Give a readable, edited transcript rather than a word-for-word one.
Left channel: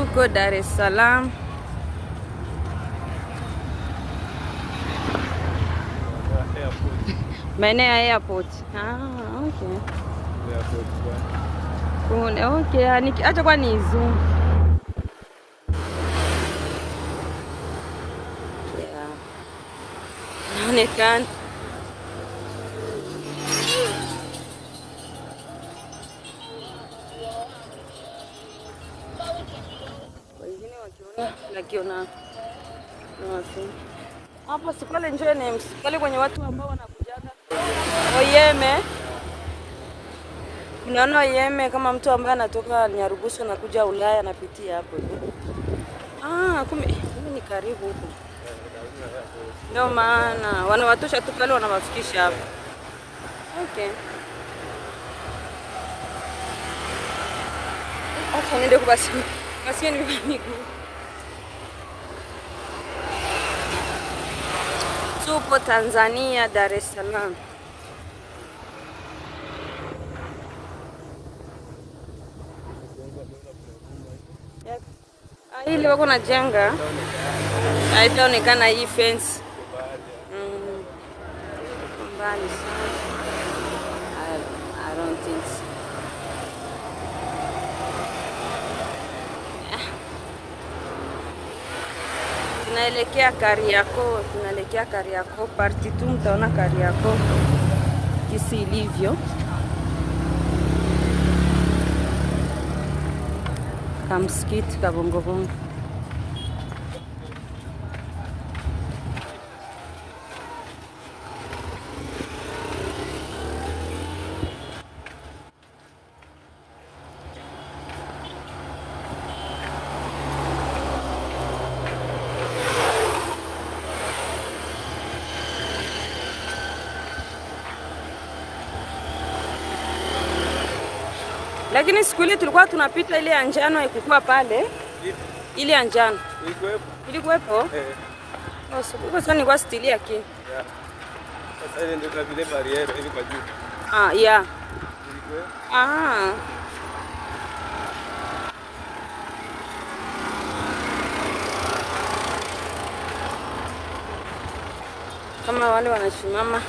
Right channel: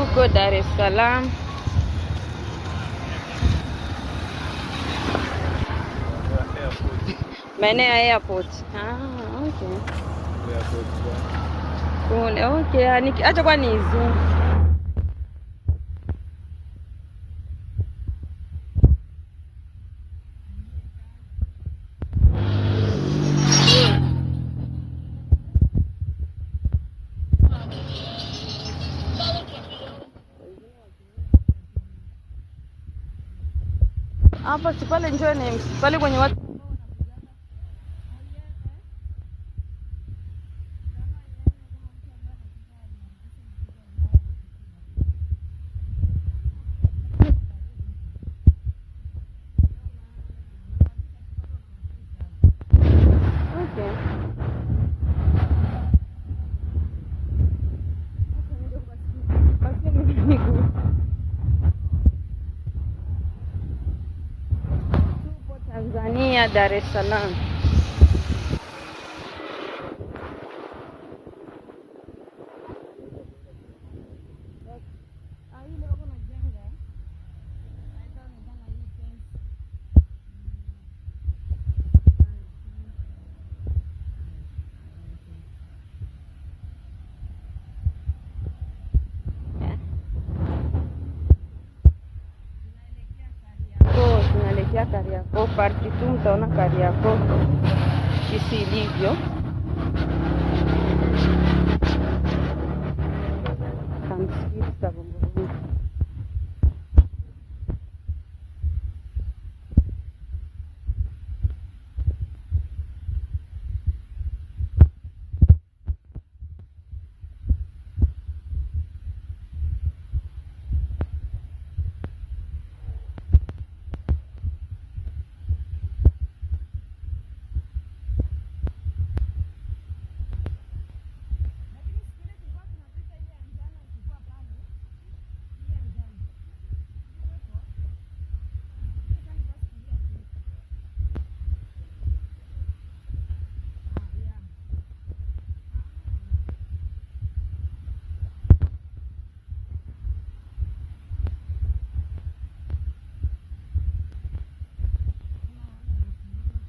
Tuko Dar es Salaam. Maeneo ya airport. Okay. Okay, acha kwa ni zoom. Yeah. Naonekana. Hapa si pale njoo names pale kwenye watu ambao wanakujaga Oyeme. Unaona Oyeme kama mtu ambaye anatoka Nyarugusu na kuja Ulaya anapitia hapo. Kumbe ni karibu huko. Ndio maana wanawatosha tu pale wanawafikisha hapo. Okay. Acha niende kwa basi. Basi ni miguu. Tupo Tanzania, Dar es Salaam. Hili wako na jenga. Haitaonekana hii fence. Mbali sana. I don't think so. Tunaelekea Kariakoo, party tu mtaona Kariakoo jinsi ilivyo. Kamsikiti kabongo. Lakini siku ile tulikuwa tunapita ile ya njano haikuwa pale. Ile ya njano. Ilikuwepo? Kwa sababu nilikuwa stili yake. Yeah. Sasa ile ndio vile barriere ile kwa juu. Yeah. Kama wale wanasimama